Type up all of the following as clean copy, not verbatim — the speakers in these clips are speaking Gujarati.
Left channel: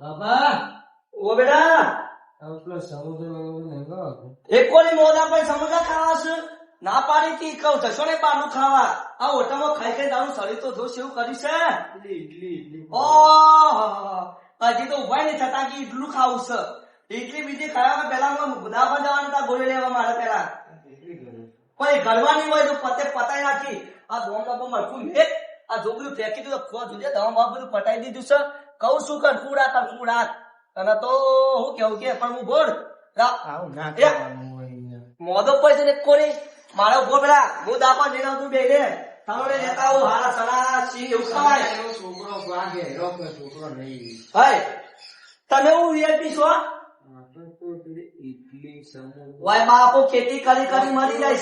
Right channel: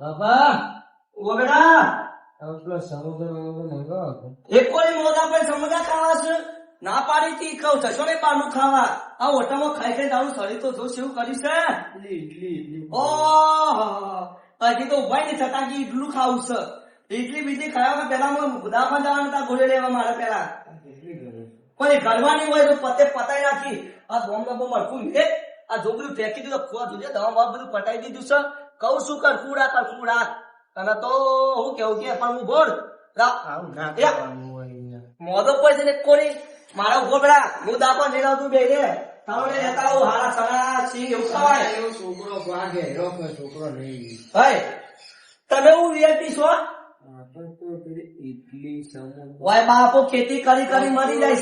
બાપા ઓ બેટા પેલો સમુદ્ર નંગો એક કોની મોદા પર સમોસા ખાવા છે ના પાડી તી કહું છસો ને પાનું ખાવા આ હોટલમાં ખાઈ ખાઈ તારું શરીર તો જો સેવું કર્યું છે ઇડલી ઓહ હજી તો ઉભા નહીં છતાં કે ઈડલું ખાવું છે ઇડલી બીજી ખાવા પેલા દવાખાને જવાનું તા ગોળી લેવા મારે પેલા કોઈ ઘરવાની હોય તો પતાઈ નાખી આ બોમ્બ નો બોમ્બ મળતું હે આ જોગરું ફેંકી દીધું ખોવા જોઈએ દવા બધું પટાઈ દીધું છે કહું શું કરખુડા અને તો હું કેવું કે પણ હું બોલ આવું ના એ. કરવાનું હોય યાર. મોદો પૈસે ને કોની મારા ઉભો પેલા હું દાપણ લઈને આવતું બે રે તાવડે લેતા આવું હારા સણા સી એવું ખવાય એવો છોકરો વાગે રોકો છોકરો નહીં ભાઈ તમે હું વીઆઈપી છો પણ તો પેલી ઇડલી સમોસા વાય બાપો ખેતી કરી મરી જાય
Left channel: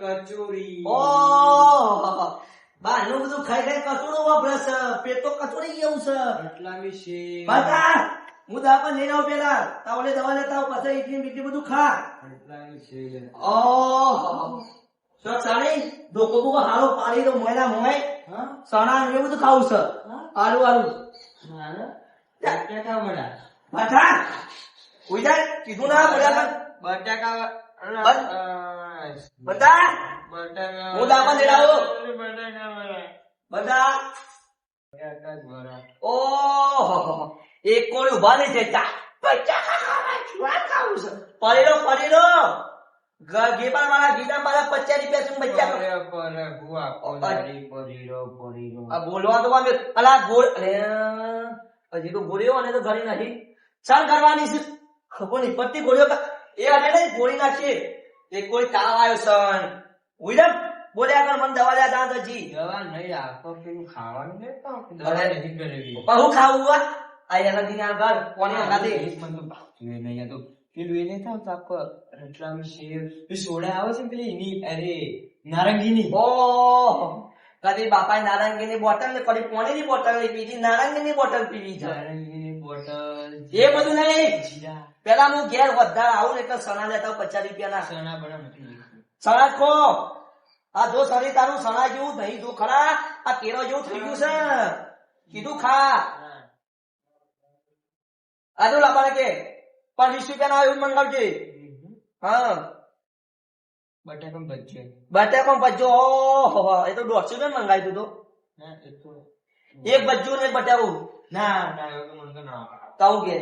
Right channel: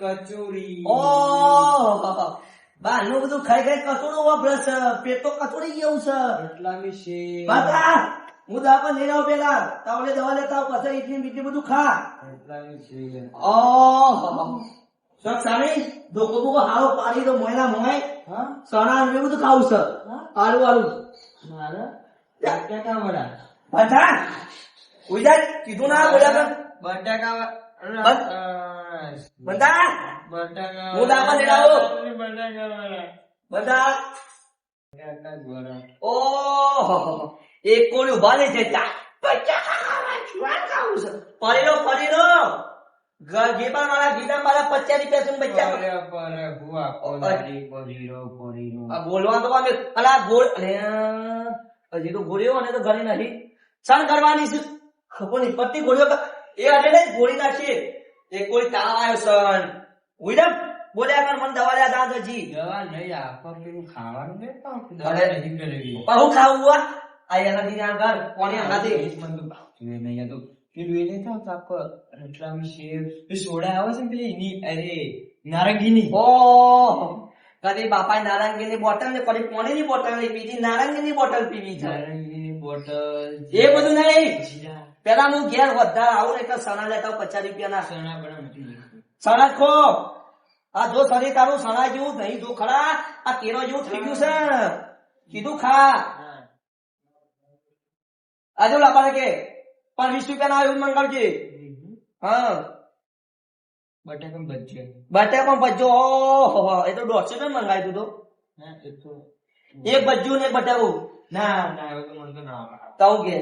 છે કચોરી ઓહ બારનું બધું ખાઈ ખાઈ કચોડું વાપરે છે પેટ તો કચોડી ગયું છે એટલામી શેર બાટા હું દાપણ લઈને આવું પેલા તાવડે દવા લેતા આવું પછી ઇડલી બીટલી બધું ખા એટલામી શેર ઓહ સાણી ધોકો બોકો હારો પાડી દો મોયના મોય હા સણા ને બધું ખાવું છે આડું મારે બટાકા વડા બાટા ઉઈજા કીધું ના બોલ્યા બટાકા બંધા બટાકા હું દાપણ લઈને આવું બટાકા બંધા બટાકા વડા ઓહ એક કોને ઉભા નહીં જતા પડી લો ગીતા મારા ગીતા મારા 50 રૂપિયા છે બચ્ચા પરે ભુવા કોનારી પરીરો આ બોલવા તો અમે અલા ગોળ અલે હજી તો ગોળીઓ ને તો ઘણી નથી સર કરવાની છે ખબર નહીં પત્તી ગોળીઓ એ આજે નહીં ગોળી નાખી એક ગોળી તાવ આવ્યો સન ઉઈડમ બોલ્યા કર મને દવા લ્યા દાંત હજી દવા નહીં આપો પેલું ખાવાનું ને તો અરે. દવા નહીં કરેલી પણ હું ખાવું આ એના દીને આ ઘર કોને નથી નહીં તો પેલું એને થાવ તાપ રટલામી શેર પેલી સોડા આવે છે ને પેલી એની અરે નારંગીની ઓહ કદી બાપાએ નારંગીની બોટલ ને કદી પાણીની બોટલ નહીં પીધી નારંગીની બોટલ પીવી છે નારંગીની બોટલ એ બધું નહીં જીરા પેલા હું ઘેર વધારે આવું ને એટલે સણા લેતા આવું 50 રૂપિયાના સણા બના નથી સણા જ ખો આ જો શરીર તારું સણા જેવું નહીં જો ખરા આ કેળો જેવું થઈ ગયું છે કીધું ખા આજુ લાપાને કે 20 રૂપિયાના આવ્યું મંગાવજે હા બટાકા ભજીયા બટાકા પણ ભજ્જો ઓહો એ તો 150 રૂપિયા મંગાવી દીધું ના એ તો એક ભજ્જુ ને બટાકું ના ના એવું તો મને તો ના ભાવે. તાવું કે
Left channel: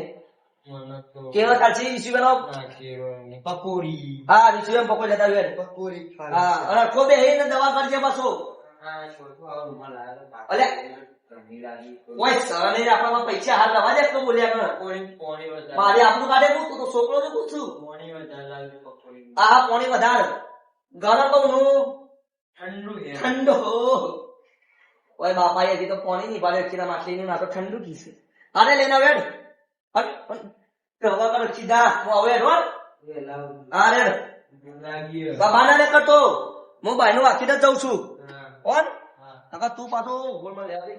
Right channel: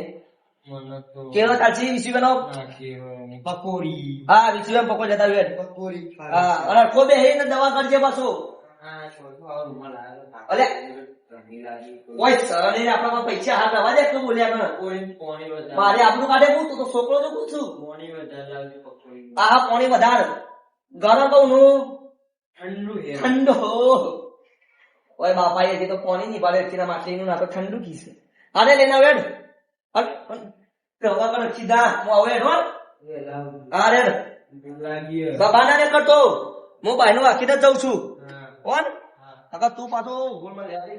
મને તો કેળો ચાલશે 20 રૂપિયાનો ના કેળાની પકોડી હા 20 રૂપિયા પકોડી લેતા આવ્યો પકોડી હા અને ખોબે હે ને દવા કરજે પાછો અલે કોઈ સરળ નહીં આપણા પૈસા હાથ રવા દે તો બોલ્યા કર મારે આપણું કાઢે હું તું તો છોકરો તો પૂછું હા પાણી વધારે ગરમ બહુ નું ઠંડો ઓય બાપા હજી તો પાણી નહીં પાડે છે માટલી નું ના તો ઠંડુ કી છે અરે લઈને વેડ કરવા કર સીધા હું આવે હો હા રેડ બાબાના ને કરતો હું ભાઈ નું આખી જ જઉં છું કોણ કાકા તું પાછો ગોળમાં લેવા દે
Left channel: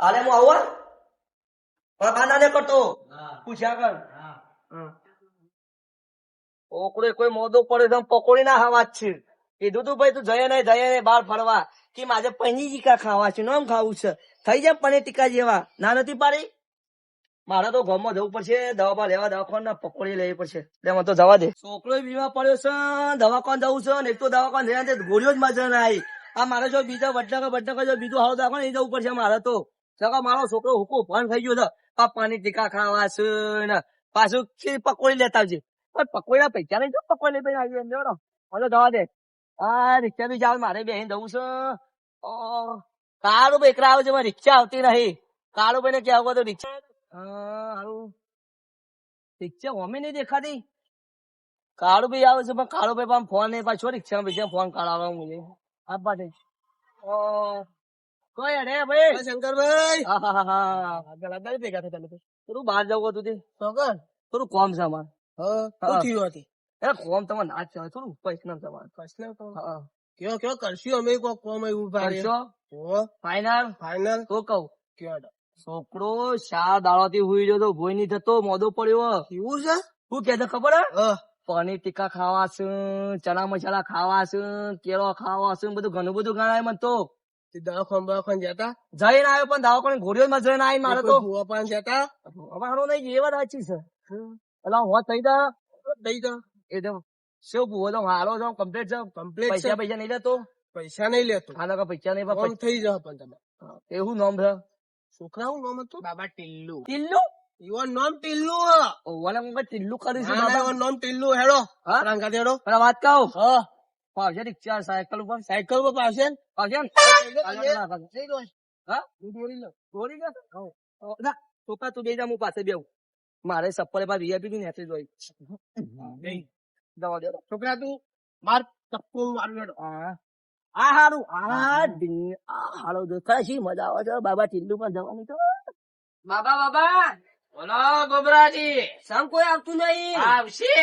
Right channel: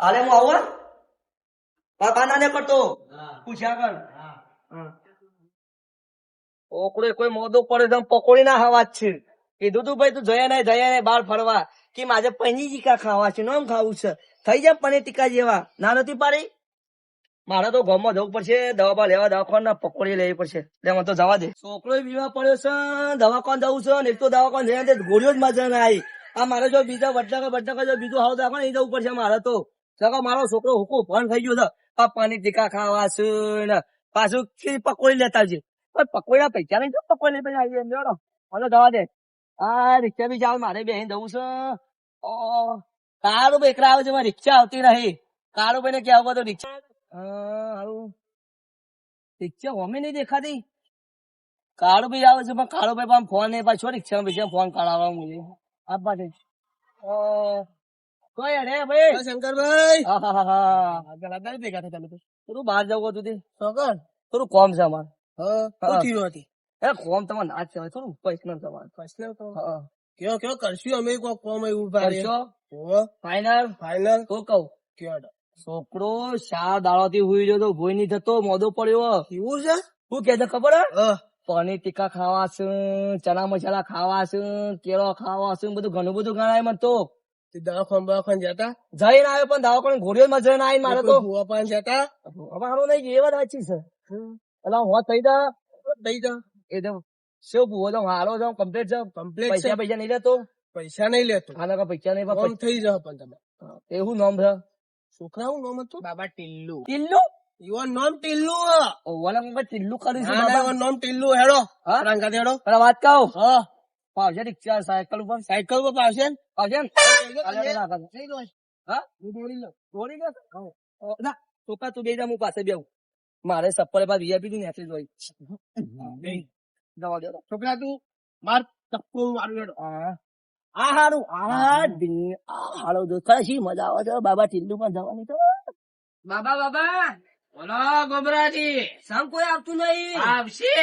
અરે હું આવું બાબાના ને કરતો પૂછ્યા કર ઓકડે કોઈ મોદો પડે તો પકોડી ના ખાવા જ છે કીધું તું ભાઈ તું જયા નહીં બહાર ફરવા કે મારે પનીર ટીકા ખાવા છે નોમ ખાવું છે થઈ જાય પનીર ટીકા જેવા ના નથી પાડી મારે તો ગામમાં જવું પડશે દવા લેવા દવાખાના પકોડી લેવી પડશે એટલે મને તો જવા દે છોકરો બીમાર પડ્યો છે દવાખાન જવું છે ને એક તો દવાખાન જઈને ગોળીઓ જ મજા ના આવી આ મારે જો બીજા બટાકા જો બીજું હાવ દવાખાન એ જવું પડશે મારે તો મારો છોકરો હુકુ ભણ થઈ ગયો છે આ પનીર ટીકા ખાવા છે ને પાછું પકોડી લેતા આવજે પકોડા પૈસા નહીં પકોડી લઈ આવી એમ જોડો મને જવા દે આ રિક્ષા બી જાવ મારે બેહીને જવું છે કાળું ભાઈ એકલા આવે છે રિક્ષા આવતી નહીં કાળું ભાઈ ને ક્યાં તો રિક્ષા હારું રિક્ષા હોમે નહીં દેખાતી કાળું ભાઈ આવે છે પણ કાળું ભાઈ પણ ફોન નહીં પાછો રિક્ષા પૈસા ફોન કાઢાવા મુજે આપવા દે કોઈ અરે ભાઈ શંકરભાઈ હા હા હા હા ગલા ભેગા થયા તમે થોડું બહાર જવું હતું તે થોડું કોમ છે અમારે એ કોમ તમારે ના કહેવાય થોડું પૈસા તમારે હા કયો કરશું અમે કોક કોમ એવું કરશો ફાઈનલ ફાઈનલ તો કહું છોકરો શા દાડા થી હુઈ ગયો તો ભોય નહીં થતો મોદો પડ્યો એવું છે શું કે છે ખબર હે પનીર ટીકા ખાવા છે ચણા મસાલા ખાવા છે કેળો ખાવા છે બધું ઘણું બધું ગણાય મને તો દવાખાન જતા જઈને આવ્યો પણ દવાખાને ઘોડીઓ માં જઈને આવી મારે તો ભૂવા પાન જતા અમારો નહીં એ વાત સાચી છે એટલે હોત થઈ જા દઈ દો એ તો શું ભૂવો તો હારો છે કમ્પ્લીટ છે કમ્પ્લીટ પૈસા પૈસા નહીં લેતો પૈસા નહીં લેતો આના પૈસા નહીં કોમ થઈ જાવ પણ તમે એવું નામ છે છોકરા હું નામ હતું બાબા ટીલ્લુ ટિલ્લુ યુવર નામ ટીલ્લુ ઓવાને કોઈ ટિલ્લુ કરી છે ના બાબા નામ ટીલ્લુ હેડો હા? રંગા હેડો પેલા વાત કહું હા પાવશે રિક્ષા સાયકલ ઉપર સાયકલ પર પાવશે ને પાવશે ને જઈ દો હા દોરી લો દોરી જશે ના છોકરા તું બેજા હું પાસે બેવું મારે સપ્પલે પાસે વીઆઈપી ની નેચી જોઈ દવા દે છોકરા તું માર ચપ્પુ મારું હેડો આ હારું આ હાલો જો કશી મજા આવે છે બાબા ટિલ્લુ માં જવાની તો બાબા બાબા બોલો ગોબરાજી સમ કોઈ આવતું નહીં આવશે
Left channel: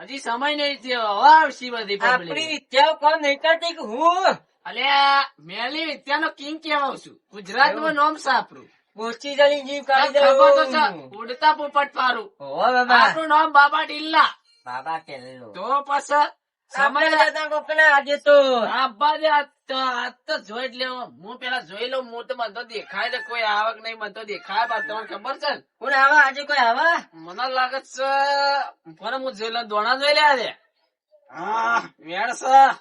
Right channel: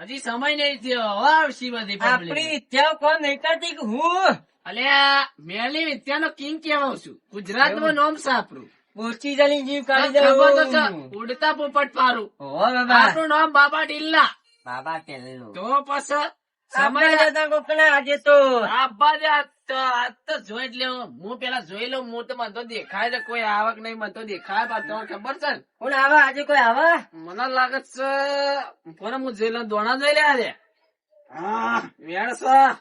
હજી સમય નહીં થયો હવે આવશે બધી આપણી પબ્લિક વિદ્યા કોણ નહીં કરતી કે હું અલ્યા મેલી વિદ્યાનો કિંગ કહેવાઉં છું ગુજરાતમાં નામ સાપરું મૂર્તિ જલી જીવ કાઢી ખબર તો છે, દઉં ઉડતા પોપટ પારું ઓ બાબા આપણું નામ બાબા ટીલ્લા બાબા ટેલ્લો તો પછી સમય સમય જતા કોકના આજે તો આબા દે આ તો જોઈ જ લેવો હું પેલા જોઈ લઉં હું તો મને તો દેખાય છે કોઈ આવક નહીં મને તો દેખાય પણ તમને ખબર છે ને કોણ આવે આજે કોઈ આવે મને લાગે છે પણ હું જોઈ લઉં દોણા જોઈ લે આજે હા વેણ છે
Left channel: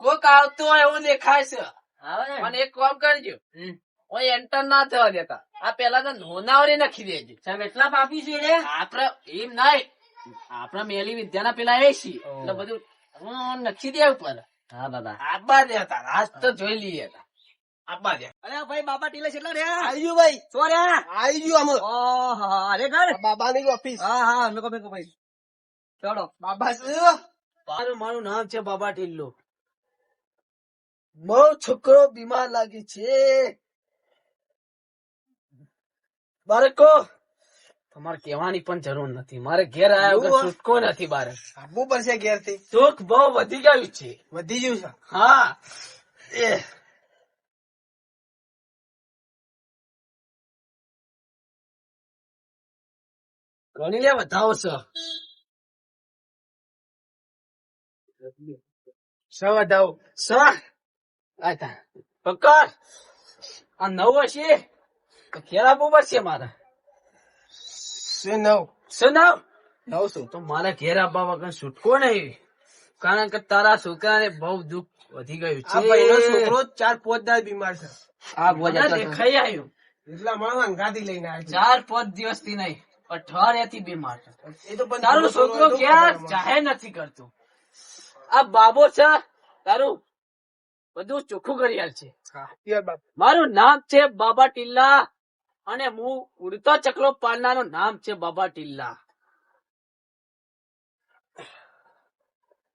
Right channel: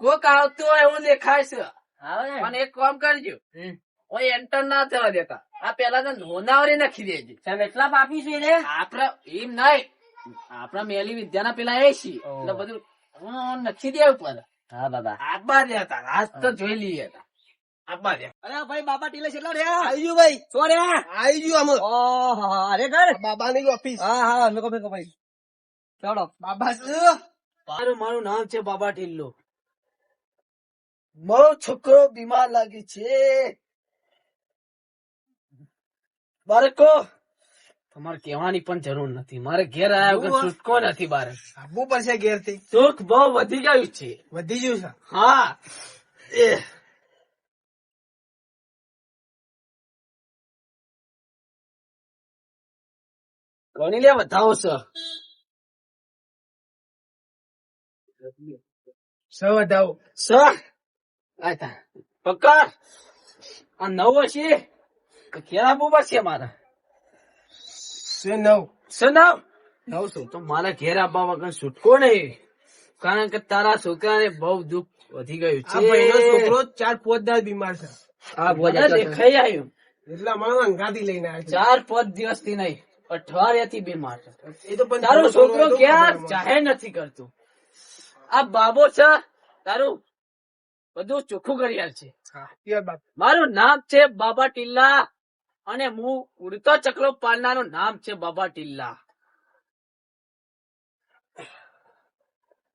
કોક આવતું હોય એવું દેખાય છે આવે ને પણ એક કામ કરજો ઓય એન્ટર ના થવા દેતા આ પેલા તો નોનાવરી નાખી દેજો સાહેબ એટલા પાપી છે રે આપડે એમ નહીં આપડા મેલી વિદ્યાના પેલા એ છીએ એટલે બધું નખી દે ઉપર હા બાબા આબા દેતા આજ તો જોઈ લઈએ આબા દે અરે ભાઈ બાબા ટીલે કેટલા રહ્યા આવી ગયું ભાઈ શું રહ્યા આવી ગયું આમ ઓહો અરે ઘર બાબાની ઓફિસ હા હા મેકો ભાઈ ચાલો બાબા શું મારું નામ છે બાબા ટીલ્લો બહુ છોકરો બીમાર લાગે છે બાળકો તમારે કહેવાની પણ જરૂર નથી મારે ઘેર આવ્યા વગર છૂટકો નથી બારે આવવું પડશે ઘેર થી દુઃખ બહુ વધી ગયું છે વધી ગયું છે હા એ ગણી લે વધાવો છે સૌ વધાવો પક્કા આ નવ હશે તો ઘેર આપવું પડશે મારે છે નવ સનાવ નવ શું તો મારા ઘેર આપવા વગર છૂટકો નહીં કારણ કે તારા છોકરાને બહુ દુઃખ વધી ગયું આ ભાઈનો છે છોકરો 4-5 દાડ બીમાર છે મને દેખાઈ આવ્યું એટલે અમારા અંગાથી લઈને આવ્યા 4-5 દિવસથી નહીં અઠવાડિયાથી બીમાર છે છે એ તો પણ તારો છોકરો ક્યાં જાહેર નથી કરતો આ બાબો છે તારું બધું ચોખ્ખું કરી આલ છે યાર બાપ મારું નામ છે બાબા ટીલ્લા અને હું ઉડતો ચકલો પાડનારું નામ છે બાબા ટીલ્લા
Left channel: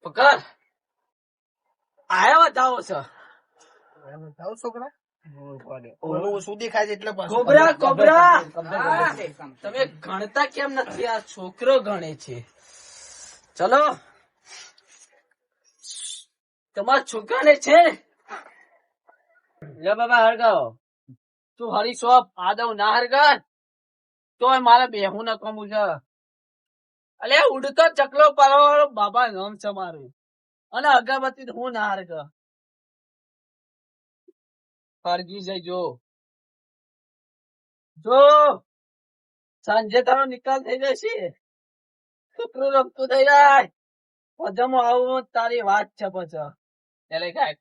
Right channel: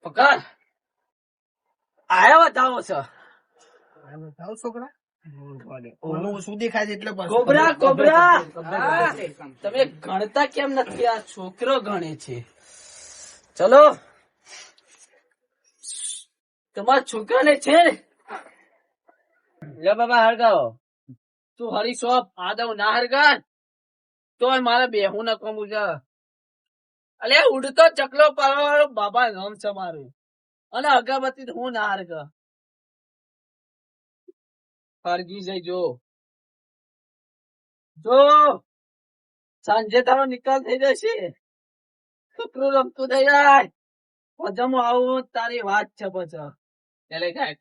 પકડ આયા બતાવો છે વધાવો છોકરા ઓલું શું દેખાય છે એટલે પાછું. કોબરા કોબરા હા, તમે ગણતા કેમ નથી આ છોકરો ગણે છે ચલો તમારા છોકરાને છે ને લે બાબા હરગાવો તું હરી શોપ આદવ ના હરગર તો મારે બેહું ન કમું છે અલે ઉડતો ચકલો પાડવાનો બાબા નામ છે મારું અને અગરબત્તી હું ના હરગ હરગી જાય જો સાંજે તારો નિકાલ થઈ જશે છોકરું રમતું થઈ જાય પજામો આવું તારી વાત છે પછી ચાલે કાંઈ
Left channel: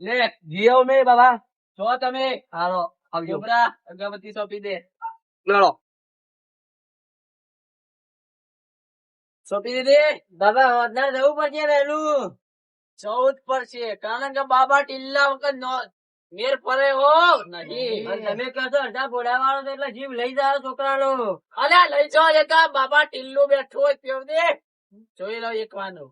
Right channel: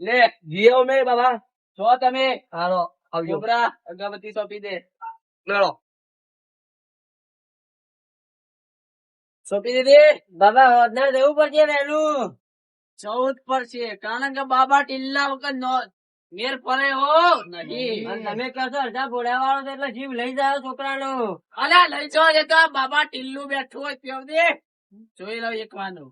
લે જીઓ મે બાબા જો તમે હાલો આવજો કોબરા અગરબત્તી સોંપી દે લડો સોંપી દીધી બાબા હોદનાર જવું પડશે વહેલું 14 પર છે કારણ કે બાબા ટીલ્લા વખત મેર પડે હો નહીં અને તમે કહેશો અડધા ઘોડા વાળો તો એટલે જીવ લઈ જાઓ છોકરાનો અલા લઈ જો જતા બાબા ટીલ્લું બેઠું હોય તેવ દે જોઈ લો એક વાનો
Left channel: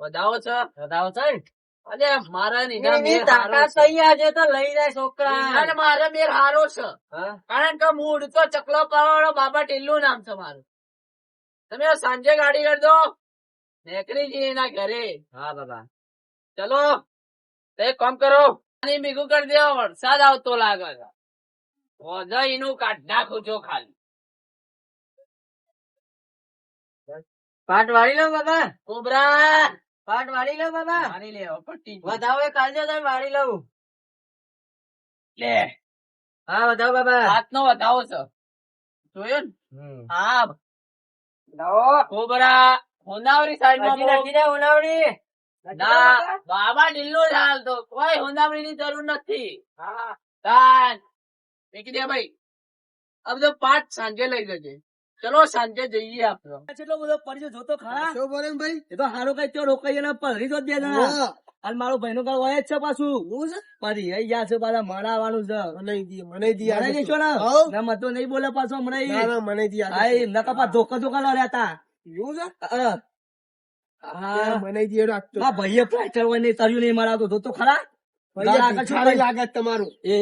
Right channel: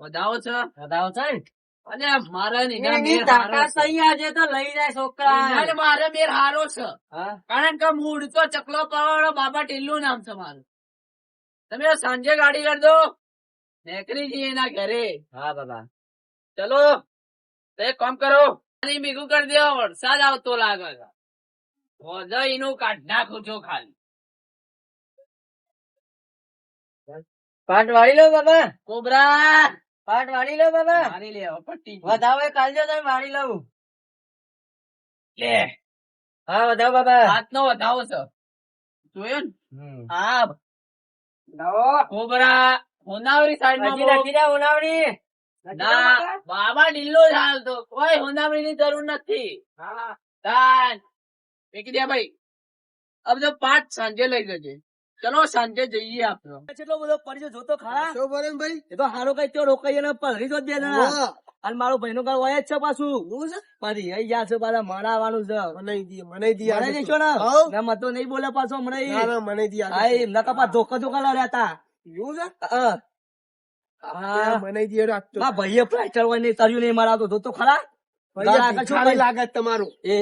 વધાવો છો બતાવો છે ને અરે મારા એની નીના મેર હારો તાકાત છે નહીં આજે તો લઈ જાય છોકરા નીના મારા મેર હારો છે હા કારણ કે હું ઉડતો ચકલો પાડવાનો બાબા ટીલ્લું નામ છે મારું તમે સાંજે ગાડી કરી દો નીકળી જઈએ એના ઘરે હા બાબા ચલો તો એક કામ કરો પાણી ભેગું કરી દો વરસાદ આવતો લાગે છે હોજા એનું કાઢ નાખું છો ખાલી પાટ વાળી લો બાબા કોબરા પાટ વાળી લો બાબા. મારી લે હવે પટ્ટી ગયું. વધાવો એ કાઢજો તમે વાળી લઉં. લે હા વધાવો બાબા. હાથનો વધાવો છે જોયો ને હમ. હા કોબરા હોનાવરી સાઈડમાં હજી લખી દે ઉનાવડી. ના બાબા ઢીલો જ હાલ તો કોઈ હોનાવરી ની જરૂર નથી તાન ફેંકી દે ભાઈ આ બધો પાઠ સાંજે લઈ જજે ચલો સાંજે જઈએ આપડે કેટલો બધો પડ્યો જોતો ખરા. શું બોલે ભાઈ? એ તો હારો કઈ તો રોકાઈ ને પલરી તો જ બે જણા. અને મારો ભાઈનો ઘર હોય જ છે પાછું. પરી આઈ ગયા છે પાછા મળવાનું છે. મને દી મને દેશો ને ના મત તો નહીં બોલે પાછો હમણાં. મને દી હા એમના કપા ધોકા ધોકા લડ્યા હતા. એવું છે? હા મને દી રાખતો ના ભાઈએ ફ્રેક્ચર હોય ને તર્યું નહીં મારા તો જોતો ખરા. ભાઈ આગળ શું સારી ભાઈ? લાગે છે તમારું. એ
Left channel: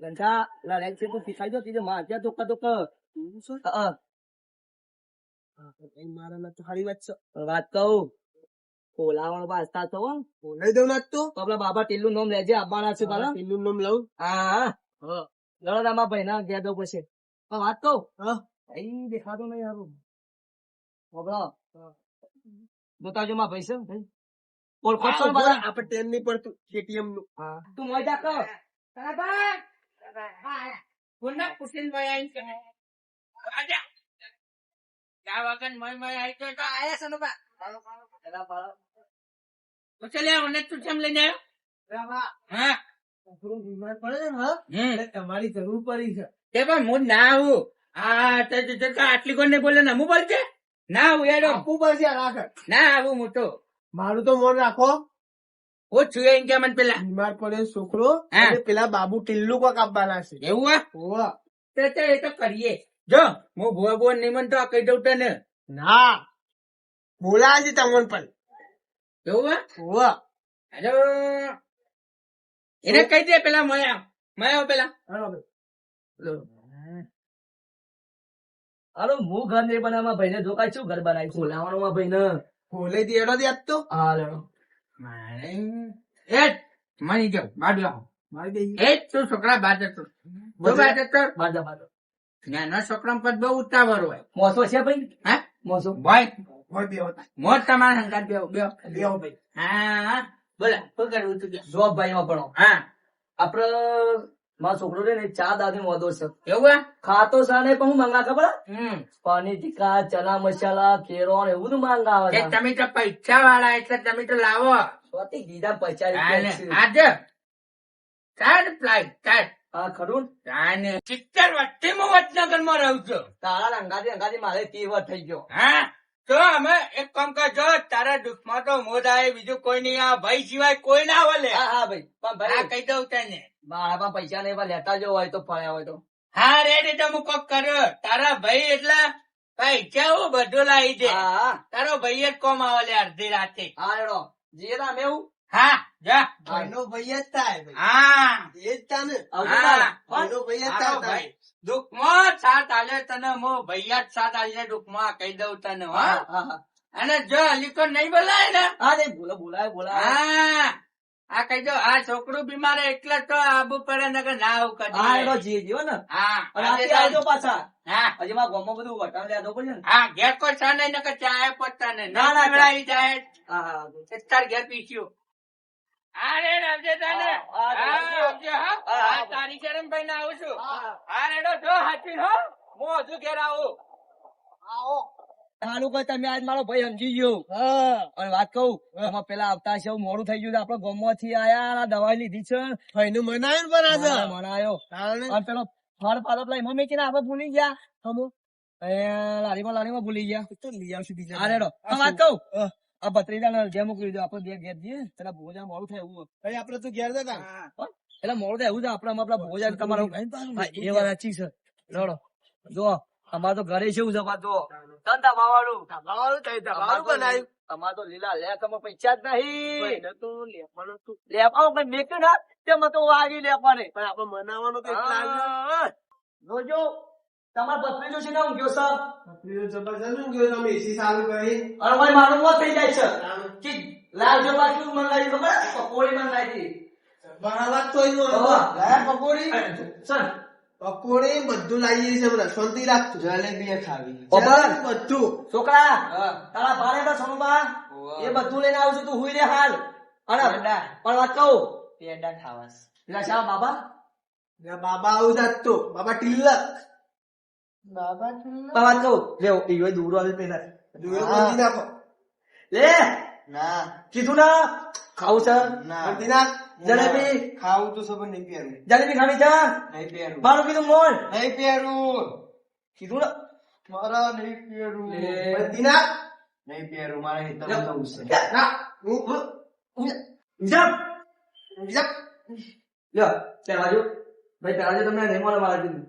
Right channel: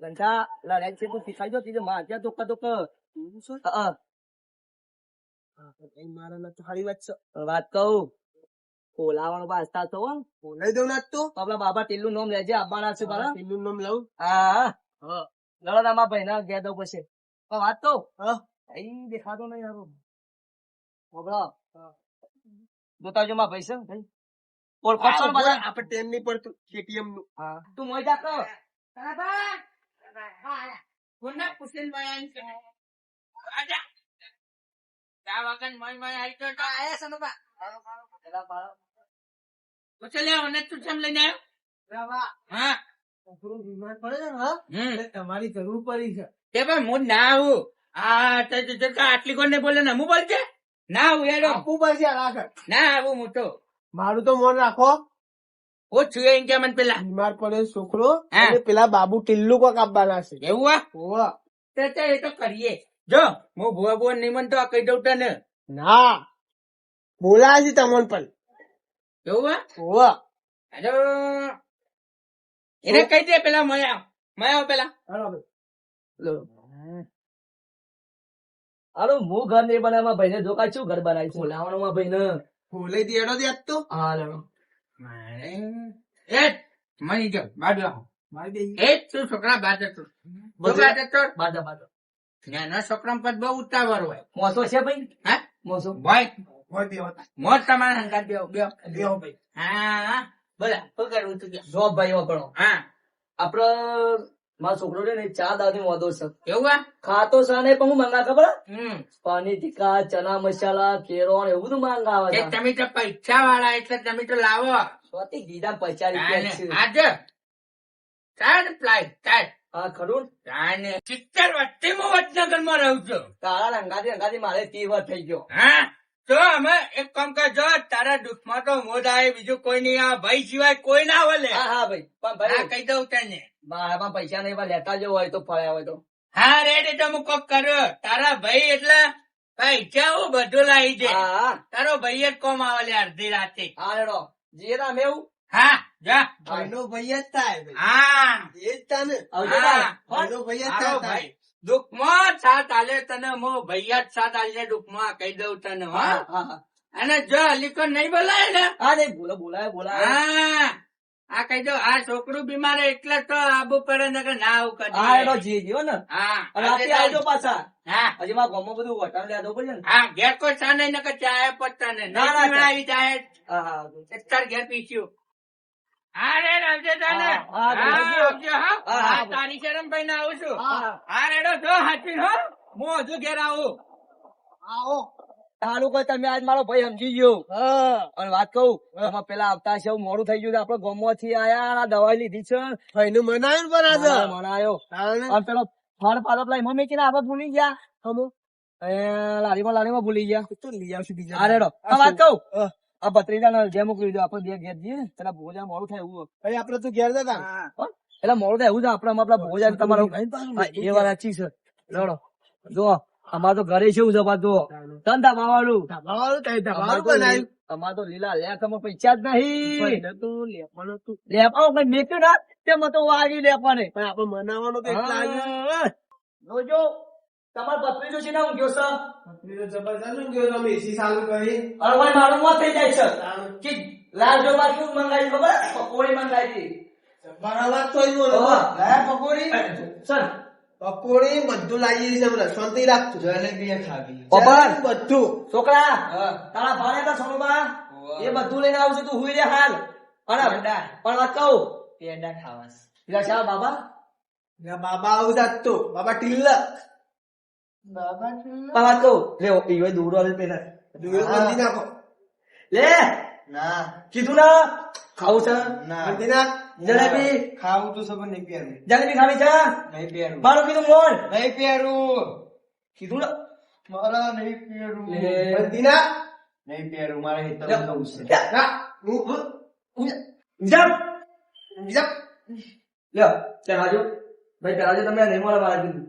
ગંઠા લડ્યા છે તું શીખાઈ દો તીજે માં ત્યાં ધોકા ધોકા. મારા ના તો સારી વાત છે. વાત કહું બોલાવાનો પાસ્તા તો બોલાઈ દઉં ના તો આપડા બાબા ટીલું નામ લેજે આવવાના છે પાછા. પેલું નામ લઉં. હા લડો તમારા ભાઈ ના ગયા દઉં પછી પણ વાત કહું હા અહીં દેખાતો નહીં હારું બોલો જોતા જો માં ભાઈ છે ભાઈ ઓળખો છો ને બધા. આપણે ટેમ નહીં પડતું KTM નું. હા તું મોઈ જા કહો કોના પૂછીને ભાઈ આઈ છે આજા જા વગર મય આઈ તો આયા છે ને બા પછી લે ઓને તું કેમ લઈને આવ્યો હા થોડું બીમાર પડે છે ને હા એટલે તમારી જરૂર પડી છે. તે પણ હું ના આવું આ આટલી કોણ ને બોલે ને હું બોલજે ના આવું યાર આપવું પડશે આગળ. ના આવું હું તો મારું તો મન રાખો. હું છું એમ કે મને પેલા બીમાર પડે છોકરો હા. અને પેલા બાબુ ટિલ્લુ કોક આપવાના છે. એવું આ હોવા. તે એ તો કરીએ જો હું ભુવા બોન નિમન તો કહી દઉં તને ના બોલાય છે તમને પણ. એવું આ હોવા. અરે એને કહી દે પેલા મયા પેલા હાલો ભાઈ. હાલો હું ઘર નહીં બનાવવા ભાઈ ને જોકા શું ઘર બનાવી બોલાવાનો માં ભાઈ ને. બોલે દેડો દે આજ તો. હા લડો એ મની જાવ બાજુ આવો મારી બેહી. એ તું છોકરા બાદ હતો બાદા બાદા નાના છોકરા પર બહુ ઉતાવળ હોય મોસો છે ભાઈ હા મોસો ભાઈ હોય બેહો. મોજ તમારા સંગાત બેહો બેહો બેહો ભાઈ. હા બોલા શું કરવું તું કે જોબ ભાઈ વાપરો હા આપડે મારો છોકરો રે ને ચા દાદી મોદો છે એવું આ ખાતો સા ને પણ હું મંગા ખબર હમ પાણી ટીકા ચના મસાલા કેરો ને એવું બધું માંગાવે કે તમે તો પૈસા વાળા એટલે તમે તો લાવો સ્વાતી ગીધા 50 રૂપિયા છે. આજે ચાર ફ્લાઇટ ચાર હા ખરું ને? અને 70 વર્ષથી હું વડનગર માં રહું છું તારા અંગાથી મારે 30 વર્ષ થઈ ગયો. હા તો અમે એક કામ કરજો તારા દુઃખમાં તો મોદ આવે બીજું કોઈ નહીં આ ભાઈ સિવાય કોઈ ના આવે હા હા ભાઈ પણ હા ભાઈ કહી દઉં તને મારા પાસે પૈસા નહીં પણ લેતા જો હોય તો ફળ્યા હોય તો હા રેડી તો હું કોક કર્યો તારા ભાઈ એટલે પૈસા હું બધું લાવી દે હા હા તારો ભાઈ જ કોમ આવે લે અડધી રાતે હા હેડો જે રામ એવું હા જા ભાઈનો ભાઈ જ થાય ભાઈ. હા એ જ થાય ને. આવજો હા. તાર. ભાઈનો ભાઈ જ હારો થાય ભાઈ દુઃખમાં સાથ આલે તને મો ભૈયા જ સાથ આલે દુઃખમાં કહી દઉં તને હા હા હા હા અને જો અલીકો નહીં બોલાય ને હા નહીં બોલાય હા આ કહી દઉં આ છોકરું બીમાર એટલે તો આબુ પડે ને કે ના આવું હા હેડો કરી જે જીવો ને હા અને રાતે આવજો પાછા હા હજી મારા ગામમાં બધું વટાણ લેવા પડે ને હા ઘેર કોઈ ચા નહીં ને કે ચાય પત્તા ને ના, ના, પીવડાવી જાય હા હા તાર ઘેર પીસ્યું હા રે આવજે તને હા, હા, હા આવજો. આવજો હા હા, હા તારી શરમ ભાઈ ના આવું છું હા રેડો જો હાચવી હો હું હજુ ઘેર આવું સારું કોઈ તમે આજ મારો ભાઈ સમજી ગયો અને વાત કહું આમાં પેલા આવતા છે મોડું થઈ ગયું છે આપડે ગામમાં થી આયા દવાઈ લીધી છે ભાઈનું મનાયું ને પણ આજે. મનાયો તાણે. અને પેલો ફળ પાલો પેલા એમાં મેકીને આપણે ભૂલી ગયા હમો લારીમાં ભૂલી ગયા તો લઈ આવશું બીજા. હા રેડો આ વાત કહું આ ભત્રીજા જે મોકલી દીધું આપડે બે ઘેર જઈએ પેલા ભોજા મોડું થાય એવું ભાઈ આપડે તો ઘેર જતા. એટલે મોડું થાય એવું છે આપડે આપડા ભોજા તમારું હા, એ વાત સાચી છે રેડો જો અમારે તો ઘરે છે એવું છે પાછું ધંધા માવાનું તમારું કઈ અમારે તમારું તો બનાવ્યું. અમારે તો લીલા લેખમાં પૈસા જ નહીં ભાઈને તો લેવાનું હતું. લેપાઓ કઈ મેક્યું ના તેમાં તો વાગી લેપાને પણ આપણે બનાવવાનું કઈક લાગ્યું. જોજો તમાર પત્રીજો છે ને ઊંઘ્યો છે પત્રીનો જબરજસ્ત ઊંઘ્યો તમે AC ચાલુ કરી. અને ભાઈ મારું મોત થઈ જાય છે કે લાલ જો બાકી મંગાવી ખબર પકોડી મંગાવી હતી બરાબર તો ઈ બોલો. હા. લાયા પકોડી સર પકોડી બધું લાવી છે હમણાં. શાંતિ રાખજો. જલેબી ખાવી પકોડી બધું. છોકરા તારા ભાણે તો સમુભા એ બધું લઈને આવું છું તું હુઈ રે હાલ અને પેડા. પણ વાત કહું પેડા ખાવા છે. પેલા શા બાબા બાબા આવું જાત તો બાબા ટિલ્લક બાબા પણ વાત કહું લે ઈવો દૂરો આવી પેલા દુવેલ બંધી નાખો લે ના કીધું ના ખાવું છે ના બંધી નાખ જલેબી ખાવું તો સબ નહીં પહેરું જલેબી ખાવી છે નહીં પહેરું મારું કીધું મોન નહીં પહેરું કીધું ના મારા નહીં પહેરું લે. બંધી નાખ નહીં પહેરું મારે હિતમ જવું છે ના હું જપ જપ લ્યો ચાલ આજો ભાઈ પેલા જો તમે નહીં મળે બહાર કીધું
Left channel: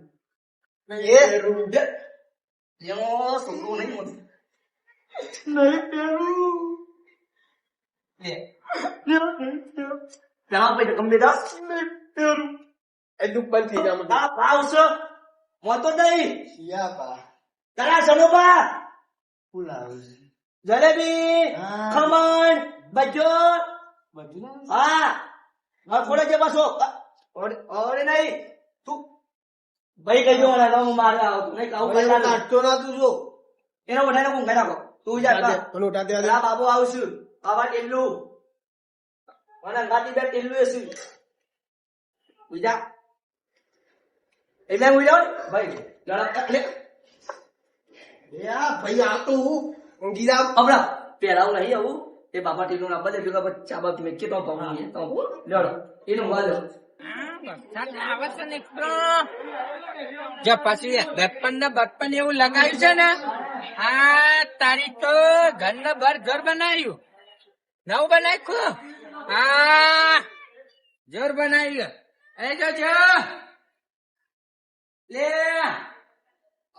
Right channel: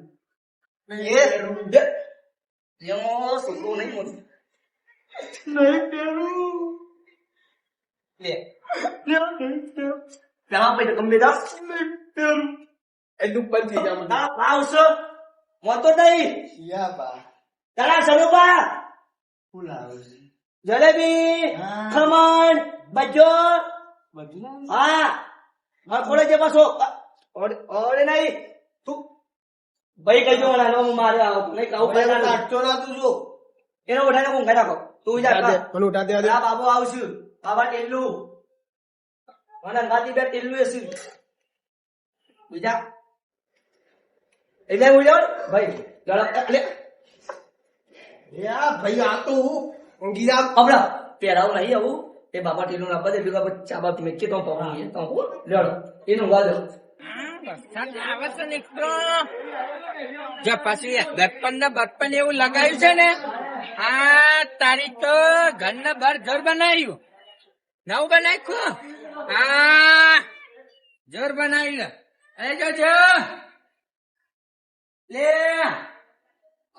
જેનો છોકરો નહીં મળે નહીં પહેરું લે પેલા ભાઈ કમ બેટા નહીં પહેરું એ દુઃખ બંધ થઈ જાય ના પાવ છે મોતો નહીં યા બા તારા સનુબા ફૂલાવું છે જલેબી હા. ખમણ બજો બધું લાવું છે? હા હા થોડે જે પાછો ઓરે નહીં તું ભાઈ કઈ જો ના હું મારે આવતો નહીં કાઉ હવે કરતા કાઢતો ના તું જો એનો ઉઠાઈને કોણ ખાતા તું જા ઉઠા દે, મને ઉઠા દે આ બાબુ આવશું બાબા ટેલ્લું મને ગાડી બે ટેલ્લું એસી બીજા એટલે હું જાઉં ભાઈ ચાલો એટલે યા ભાઈ આ તો હું ઊંઘી જામ હમણાં પેલાવું નહીં આવું એ બાબા ટેલ્લું ના બધે ભેગા પછી ચા બાપ મેં કે તો લડો એનું વાલ જો પછી દર્પણ ને બર્પણ એવું લગાવ્યું છે ને આ તારી તો ઘર ને બાર ઘર બનાવ્યું નવું બનાવ્યું હા જોર બનાવ્યું એ જો લે હા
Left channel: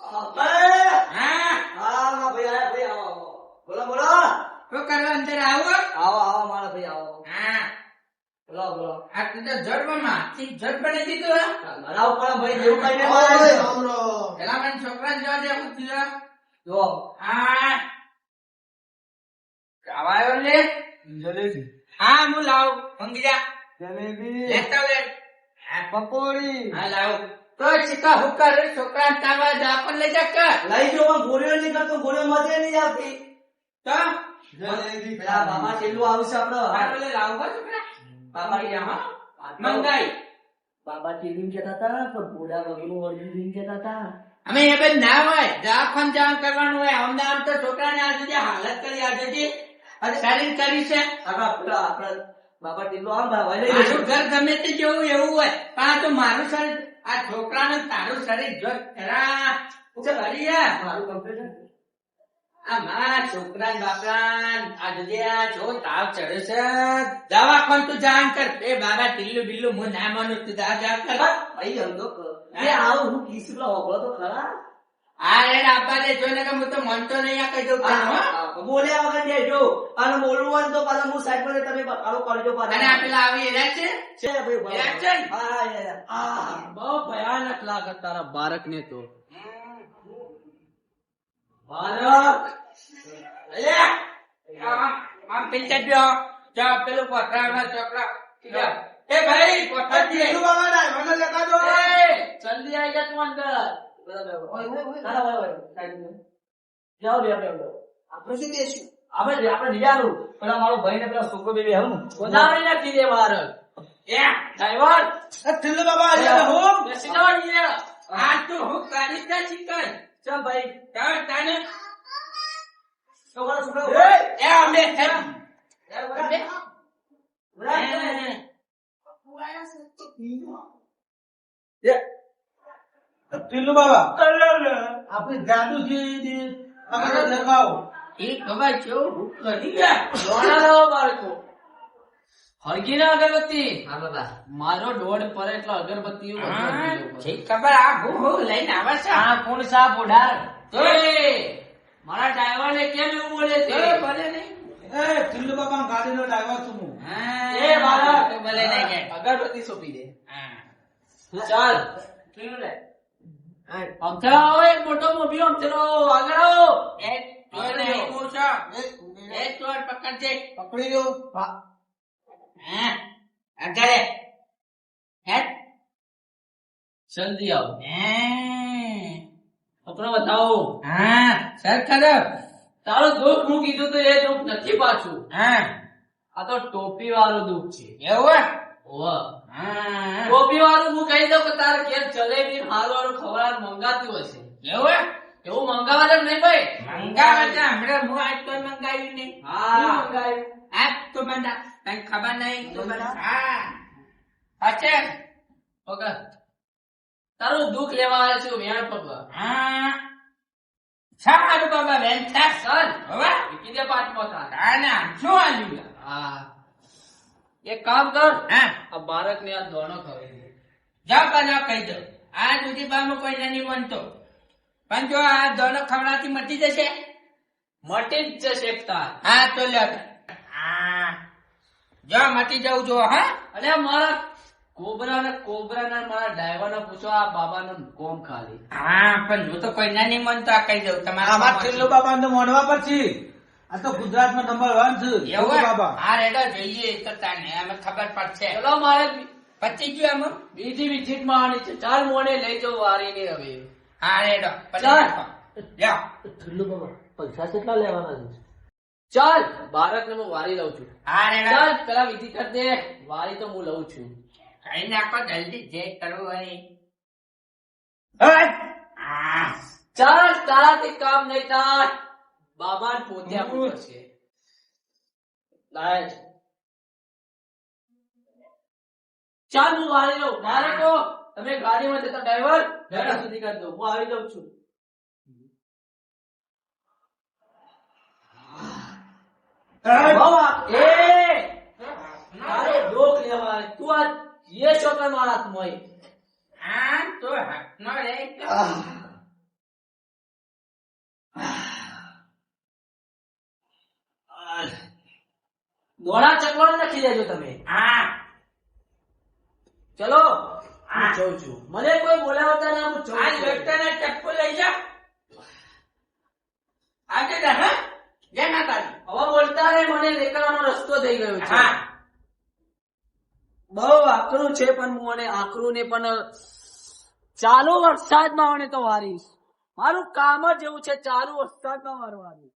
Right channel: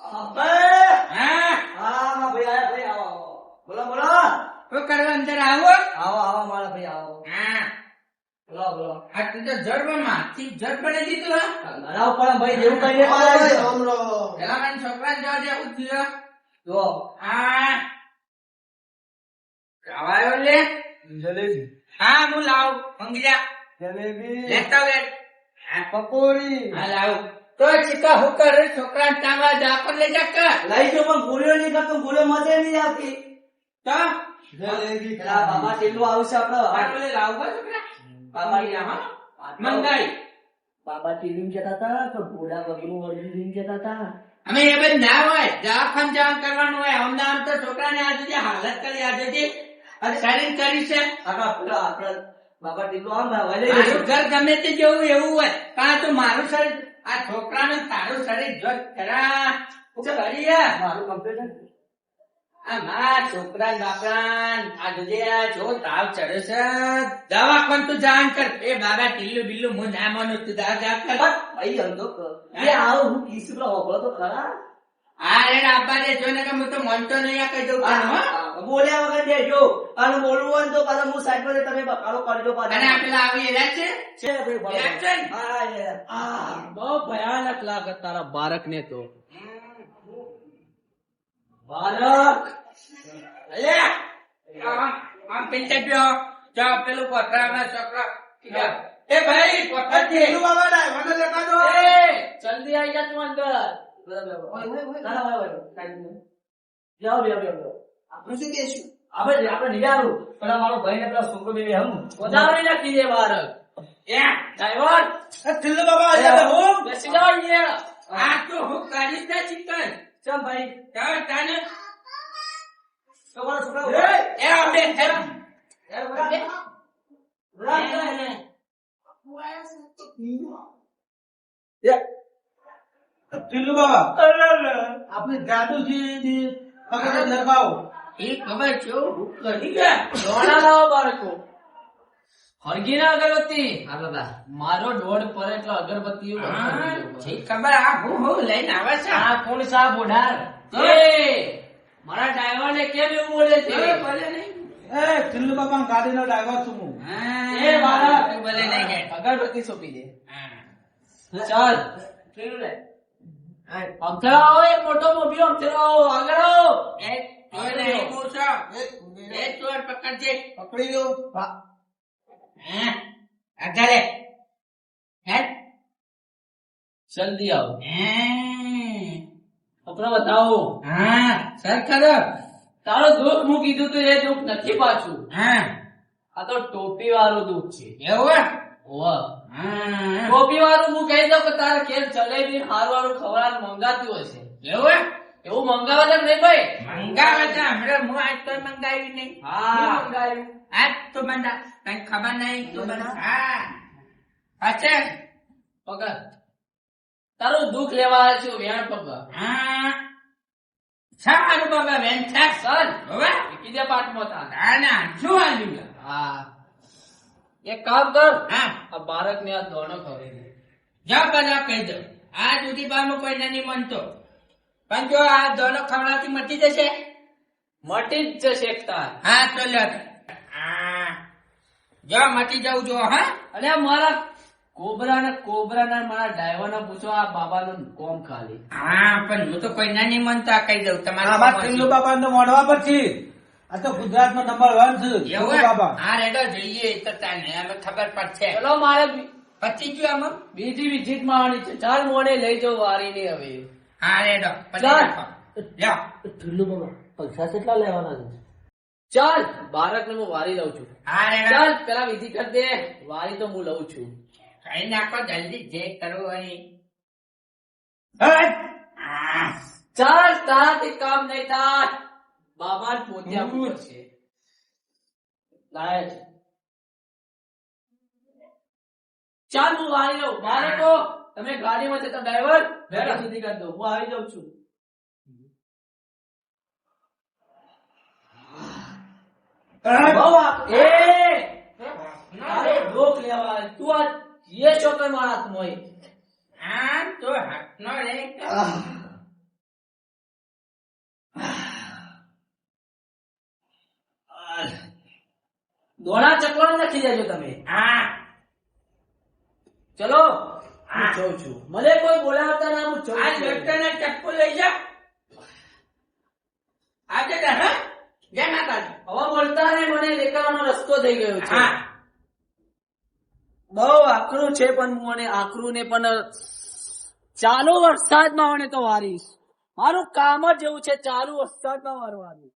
હા ભાઈ આયા ભાઈ આવો બોલો બોલો શું કરવા અંદર આવો આવો આવો મારા ભાઈ આવો હા બોલો બોલો આ તું તો જડમાં જડ બનાવી દીધું બનાવો પણ ભાઈ જેવું કઈ ઓય, નહીં રામ રામ. પેલા મને છોકરા જવા દેવું થયું જો હા ખાવાયો લે જલેબી હા હું લાવ મંગિયા જલેબી લેતા લે પકોડી હા લાવ તો ચિકા હું કરે છોકરા તાવા દાખલ લઈ જા લઈ જો પણ ગોળીઓ નહીં કરતો ગોળીઓ મજા નહીં આવતી તો જલેબી પેલા બાબા કેટલું આવશે આપડે આટલે લાવ છોકરા બાબા હા મંગાઈ બાબા ટીવીમ જતા હતા તો ઘોડા વગનું વર્ગી જતા હતા અમે એ બધું ના હોય દાખલ જાણ કરવાનું હોય અમને આમ તો છોકરાને આજે જે હાલત કરી આજે જે શરીર કરી છે આપડા બાબા ટીલું આમ ભાઈ લઈ મારું જજો ઘર ગમે તે જેવું એવું હોય પણ તો મારું શરીર આ છોકરાનું તારું શરીર જો ખરા કરી યાર મારું કમ્પ્લીટ આ મારા છોકરા બાપરા આ જોજે આ જો તાવ ચડે છે દવાખાન તું જાણ કર એ બાબા ટીલું ડીલું હું ના માનું તું જા કર ભાઈ ધંધો કર એ આવો હું કીસ પેલા ઓગળો તો ખરા આ રેડ આપવા દે જોઈને કે હું તો મનતો નહીં આ કઈ દઉં તને, હો. બોલ્યા વગર દેજો અને બોલવું હોય ને તો પાછા હું સાઈડ પર તમે બકાલો કરજો અને આ પાછા પેલા આવી રહ્યા છે છે ભાઈ ભાઈ. રહ્યા છે? હા હા બહુ ભયાનક લાગે તારા બાળક ને તો ભારત આમ પૈસા જો જા પેલું પથરાવના છોકરા એ ભાઈ પથરા દે ટીલું બાબા ના વગર લેતા દો એ જલ્દી આવી જા તું અંદર આપણે શું દેશું આપણે નિયારું પેલા મારો ભાઈ ને પેલા છોકરો બેબી હમ વધારે નાખી દે બાળક એ ડ્રાઈવર ટીલું બાબા અહીંયા તો હું બેસી જાઓ અહીંયા આ તો હું કાઢી ના શીખાય ચમ ભાઈ કર તાને તો મારો છોકરો એ આવડે છે ટીલું બાબા આપણે જાદુ છે પકડે દેખાઓ એ ખબર છે કરી ગયા દોડા લાવો બાળકો હરગી ના અગરબત્તી મારો દોડ પર એટલે અગરબત્તી ખબર આ હું લઈને આવે છે આ કોણ સા બોડાર મારા ડ્રાઈવર ને કેમ એવું બોલે છે ભલે નહીં એ ટીલું બાબા ગાડીનો ડ્રાઈવર છું હું એ મારા ભલે નહીં કે અગરબત્તી સોંપી દે ચાલ કેવું લે અમથરા હોય મોટો મોભી અમથરો આગળ એક ચોર પકડજે પકડી લો હા આગળ હે જલ્દી આવો કપડો બતાવો હા સર ખબર તારું દુઃખ હું કીધું તો એ દુઃખ નથી પાછું. હા આ તો ટોપી વાળું દુઃખ છે. એવું ઓહ. હા ટોપી વાળું હું કહી દઉં કે તારે કેમ જલેબી હારું હારું ખવડાવવાનું મંગાતું હશે. એવું એવું મંગાવા તો નહીં ભાઈ. મંગાવે તો હમણાં હું આજ તો મંગાવ્યું નહીં. હા. શું મંગાવ્યું? આજ તો બંધા કઈ ખબર નહીં તો બંધા. હા પછી પકડ. તારું દુઃખ લેવા આવ્યો છું વેણ પકડ. હા સારું બાબા બેન સાસ ચાલ હવે કીધે પાંચમો તાર. આના શું આવ્યું? હા એક કામ કર, હા આ બાળકને આ દોણો ખવડાવી દે. જા બધા કહી દો આ સુધી બારમાં કોઈ નહીં બનતો પણ જો આ દોનો ખવડાવતી મટી જશે. મટી જ જશે એક તાર. હા તો લે હા જો મટી જાવ જો હા અને આ મારા કોબરાના મારા ડ્રાઈવરના પૂછો આ બાબાનું કોમ ખાલી. હા પણ હું તો કોઈના નહીં માનતા કહી દઉં તમારા આમાં બાપા ટીલ્લુ બાબા તો મોઢવા પર છે. આ તો ગુજરાતમાં નંબર 1 છે ટીલ્લુ એવું બાબા. હા રેડો જઈએ તો તાને હવે ખબર પડશે. ચલો મારે પતી ગયું આમાં બીજી વિઝિટ માં આવવાની છે. ચાલ મોને લઈ જાઉં વારી ની હવે. હા રેડો પછી ચાલ. રાખો. લ્યો ઠુલ્લુ બાબા પૈસા કેટલા લેવાના છે? ચાલ બાળકને હું વારી લઉં છું. હા રેડો ચાલ પેલા વિધિ કર દે. વારી તો હું લઉં છું. કઈ નાખો જલ્દી જે કરવું હોય. હા ચાલ તારાથી કામ નહીં થાય. બાબા પોતે આપવું પડશે. લાય. ચાલ હું વારી લઉં. બાળકો તમે ગાડીમાં જતા ડ્રાઈવર ગાડી વિધિ કરી દો. હું આવી જાઉં છું. બાબા એ તારે ડોક લેવા આવ્યો. તું આ ये शोकर मारा तुम्हें. હા તો હાથનો રે દોડા ચકવાને નાખી દેજો તમે. હા ચલો હું જઉં છું. મને કોઈ બોલાવતા ના, હું જઉં આ છું. ડોક્ટરને ચપ્પુ લઈ જા આજે તો હા જય માતાજી. હવે બોલતા ને મને નીકળવાનો રસ્તો થઈ ગયો છે. હા બહુ આકરું છે પણ હું અને આકરું ને પણ ચાલુ વરસાદમાં મને તો વારીશ. મારું કામ જ એવું છે ચાલુ વરસાદમાં વારવાનું.